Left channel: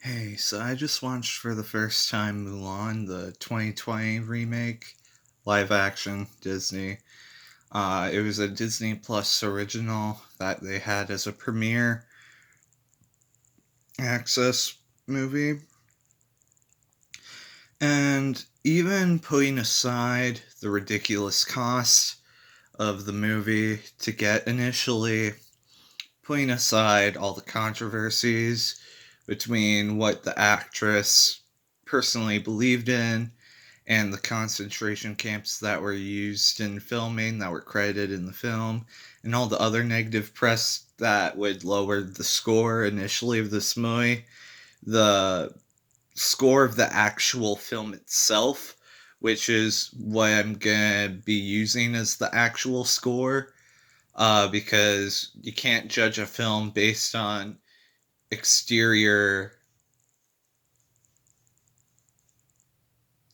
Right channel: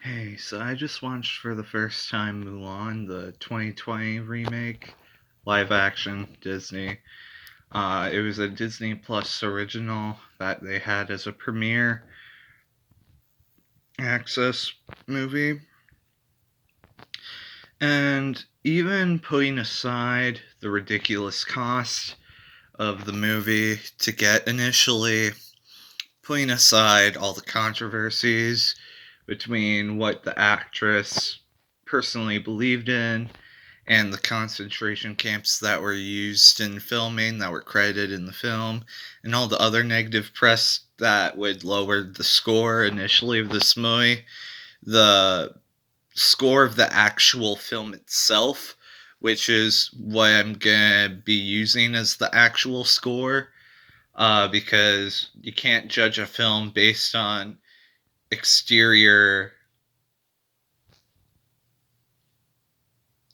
Hey, so I just watched for the first time Mulan, the 2020 remake, live action Disney. It was a Disney Plus original that they had as a premiere access movie. And even putting aside the ridiculous cost of the movie to get initially, putting aside all the controversies between what the actress personally believed in and the concentration camps that were used in filming that were credited in the film, and all the other negative press that would lower the score initially of this movie. The score of the actual film itself, which is what I'm gonna be using as the actual score, because you can't judge a film based on exterior.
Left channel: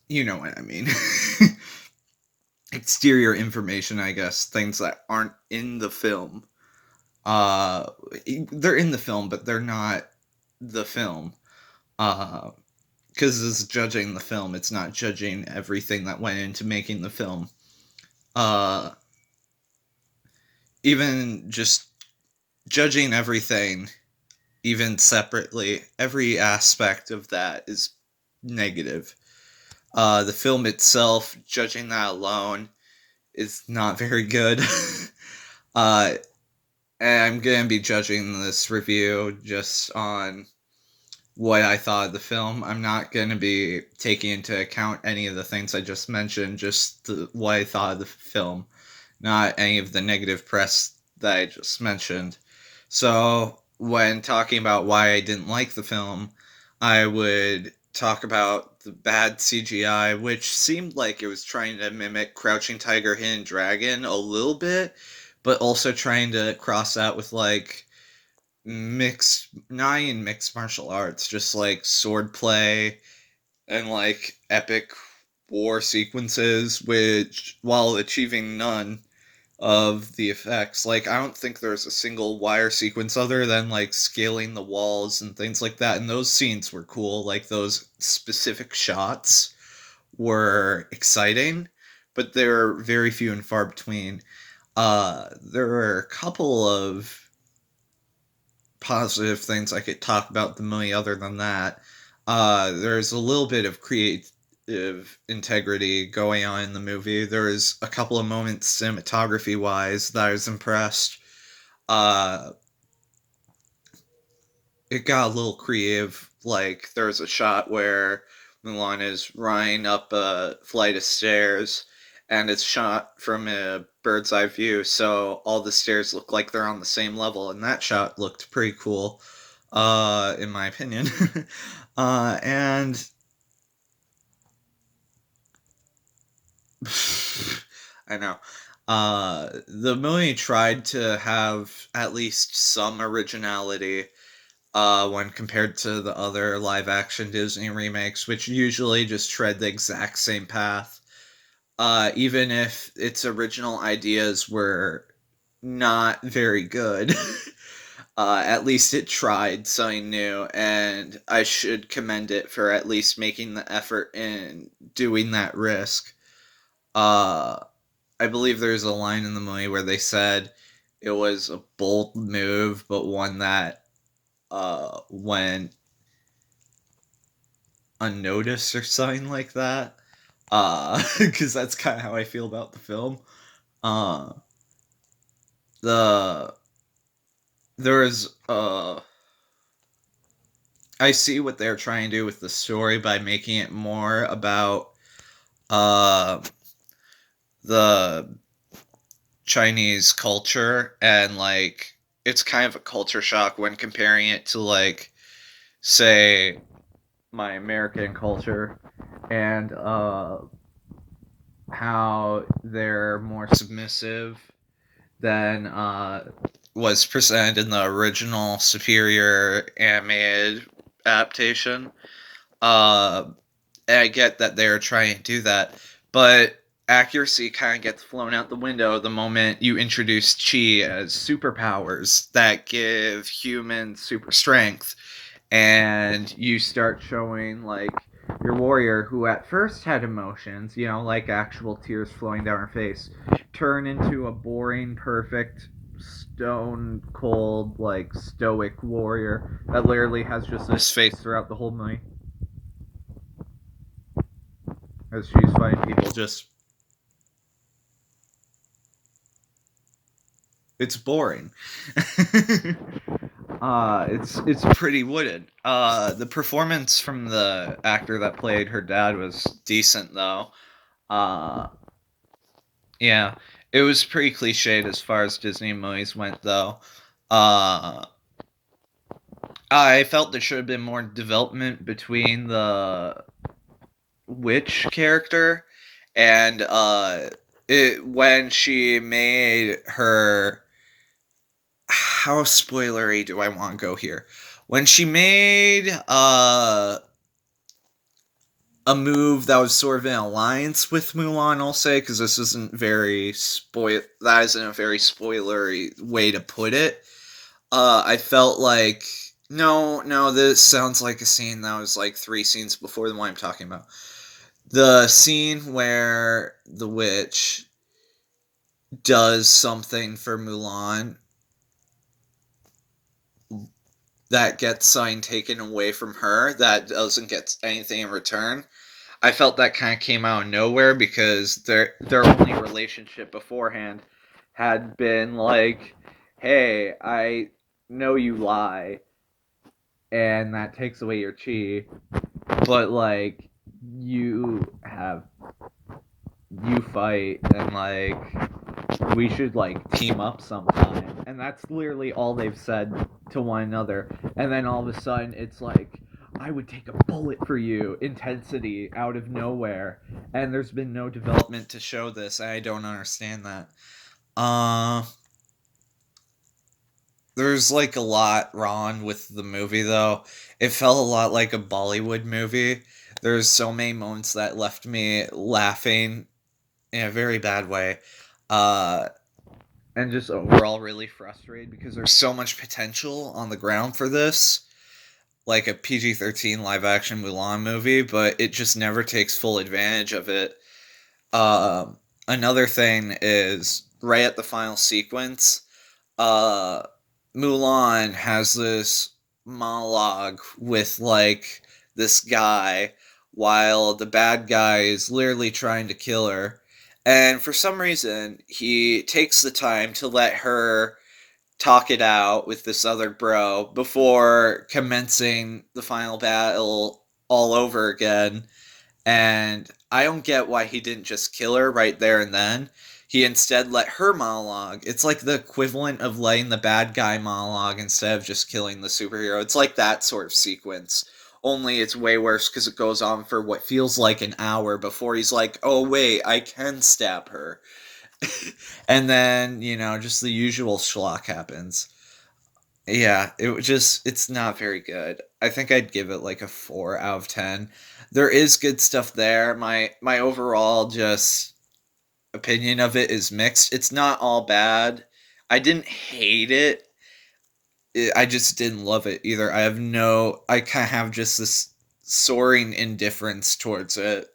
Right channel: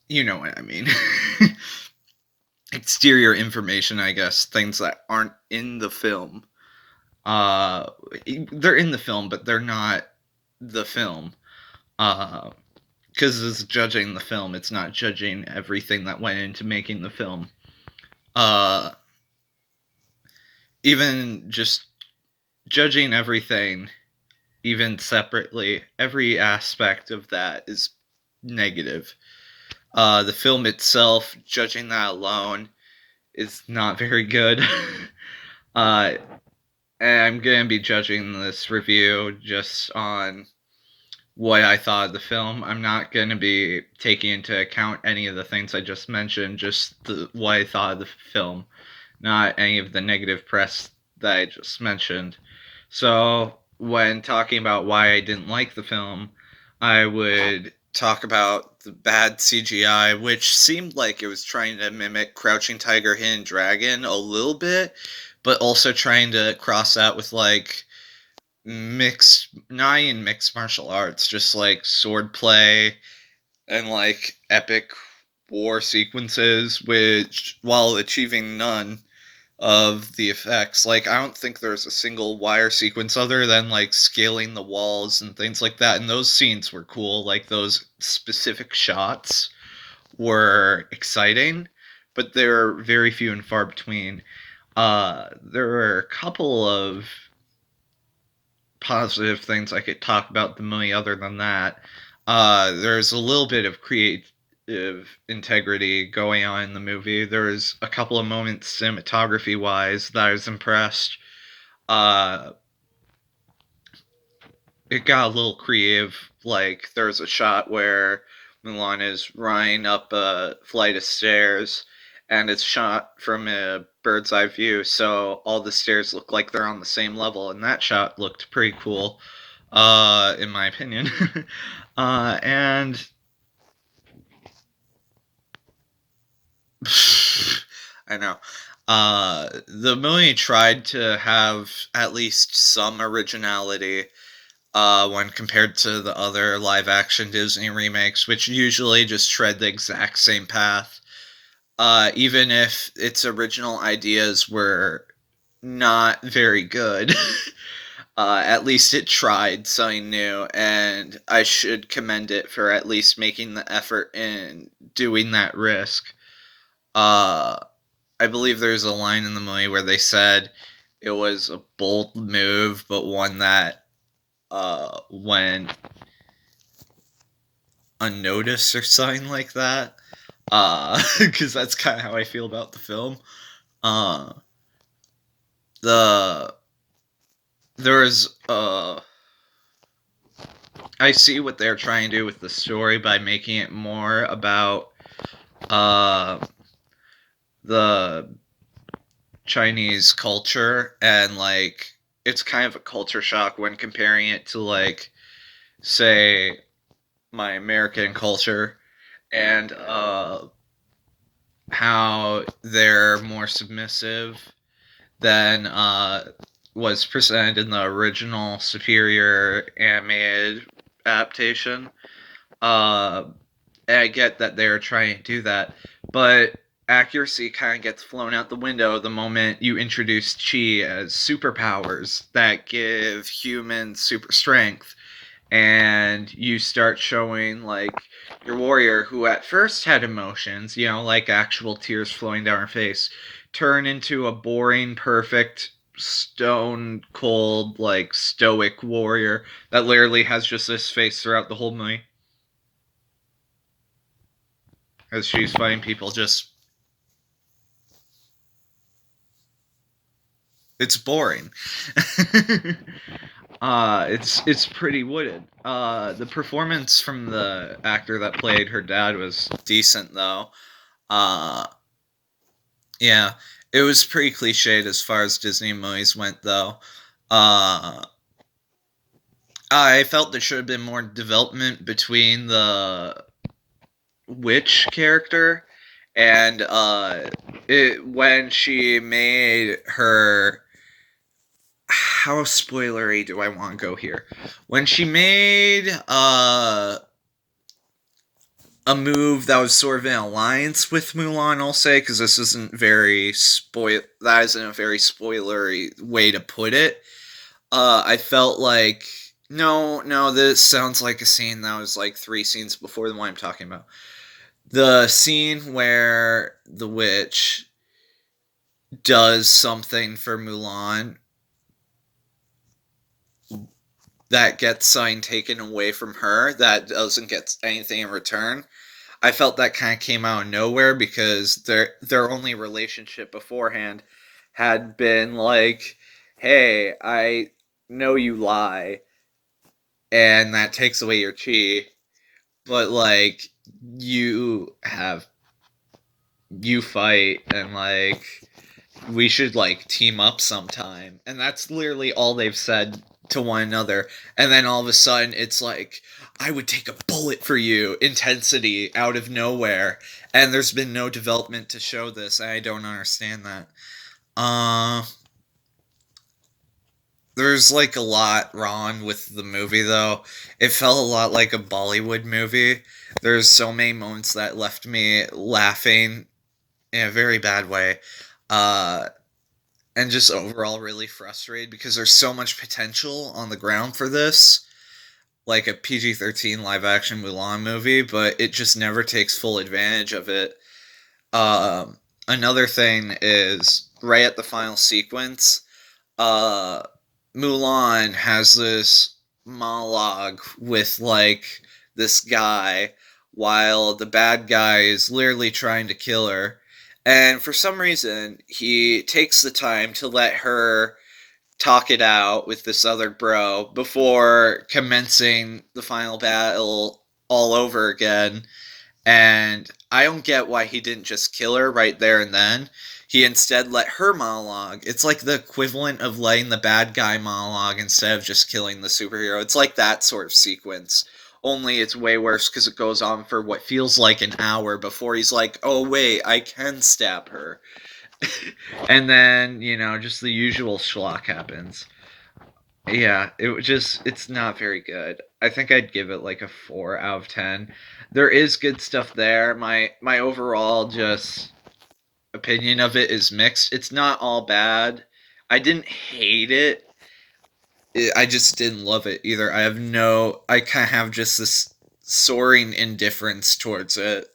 You know what I mean. Exterior information, I guess, things that aren't in the film. Uh, they're in the film, but they're not the film. Because it's judging the film, it's not judging everything that went into making the film. Uh, even just judging everything, even separately, every aspect of that is negative. The film itself, judging that alone, is not very good. uh, and I'm gonna be judging this review just on what I thought of the film. I'm not gonna be taking into account any of the things I just mentioned, just what I thought of the film, not any of the negative press that I just mentioned. So, when talking about why I didn't like the film, I would talk about the bad CGI, which seemed like it was trying to mimic Crouching Tiger, Hidden Dragon a little bit, but also trying to cross out with like not even mixed martial arts, just like sword play and like epic war sequences, which while achieving none of the effects. Like, I don't think there's a single wire sequence other than like scaling the walls and things like that. And those scenes were cool. Like, those specific shots were exciting, but they're very few and far between. There were a couple of positive things I could talk about the movie other than that. There's a little bit of creative integrity going on in the movie. There's a couple of moments cinematography wise that I was impressed. Uh, it got a little creative. Like, there's a shot where Mulan is running up a flight of stairs, and it's shot from a bird's eye view, so all the stairs look like they're on the same level, and that shot looked pretty cool, in my opinion. And I know. The movie tried to have at least some originality when compared to the other live action Disney remakes, which usually just tread the exact same path. Even if its original ideas were not very good, at least it tried something new, and I should commend it for at least making the effort in doing that risk. Uh, I believe there's a line in the movie where they said it was a bold move, but one that went unnoticed or something like that. Because that's kind of how I feel about the film. Uh, the there is I see what they're trying to do with the story by making it more about uh the Chinese culture, and like it's kind of a culture shock when comparing it to like, say, my American culture, and how they're more submissive than was presented in the original superior animated adaptation. Uh, and I get that they're trying to do that, but accuracy kind of gets flown out the window the moment you introduce chi as superpowers that give humans super strength, and you start showing like your warrior who at first had emotions, like actual tears flowing down her face, turn into a boring, perfect, stone cold, like stoic warrior that literally has just this face throughout the whole movie as she's fighting people. Just it's boring. It's pretty wooded. The performance from the actor that played her dad was decent though. Uh, yeah, it was pretty cliched as far as Disney movies went though. Uh, I felt there should have been more development between the witch character and when she made her, how spoilery do I want to go here? When she made a move that was sort of in alliance with Mulan, I'll say, because this isn't very that isn't a very spoilery way to put it. I felt like no, this sounds like a scene that was like 3 scenes before the one I'm talking about. The scene where the witch does something for Mulan that gets something taken away from her that doesn't get anything in return. I felt that kind of came out of nowhere because their only relationship beforehand had been like, "Hey, I know you lie, and that takes away your chi, but like you fight and like we should like team up sometime." And that's literally all they've said to one another. And then all of a sudden it's like, "I would take a bullet for you," intensity out of nowhere. And there's been no development to show this. I don't understand that. Uh there's like a lot wrong with the movie though. It felt a lot like a Bollywood movie. There's so many moments that left me laughing in a very bad way. Uh and just overall really frustrated because there's so much potential on the ground for this, like a PG-13 live action Mulan movie, but it just never takes full advantage of it. Another thing is right at the final sequence, uh, Mulan has this monologue with like this guy while the bad guy is literally trying to kill her. And for some reason, he takes the time to let her talk it out with this other bro before commencing the final battle all over again. And I don't get why he didn't just kill her right there and then. He instead let her monologue. It's like the equivalent of letting the bad guy monologue instead of just killing the superhero. It's like that sort of sequence. Only it's way worse because it goes on for what feels like an hour before he's like, "Oh, wait, I can stab her." And then, just the usual schlock happens. Yeah, it's not very good. I think I'd give it like a 4 out of 10. There is good stuff there. My overall just opinion of it is mixed. It's not all bad. I didn't hate it. I just didn't love it either. I kind of have just this soaring indifference towards it,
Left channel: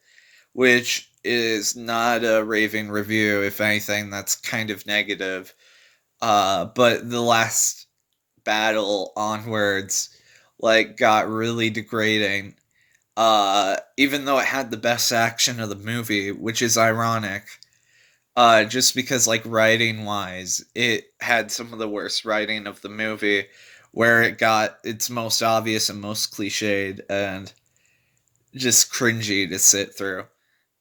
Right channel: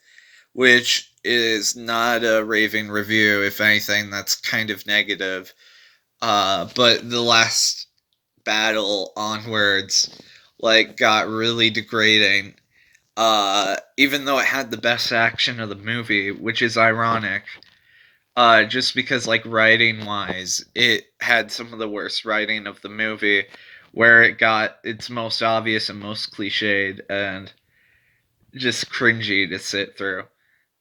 which is not a raving review. If anything, that's kind of negative. But the last battle onwards like got really degrading. Even though it had the best action of the movie, which is ironic. Just because like writing wise, it had some of the worst writing of the movie, where it got its most obvious and most cliched and just cringy to sit through.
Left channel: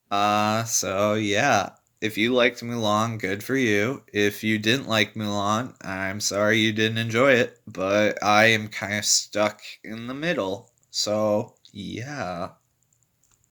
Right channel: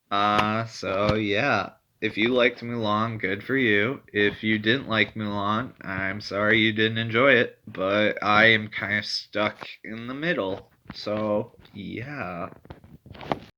So yeah. If you liked Mulan, good for you. If you didn't like Mulan, I'm sorry you didn't enjoy it, but I am kind of stuck in the middle. So, yeah.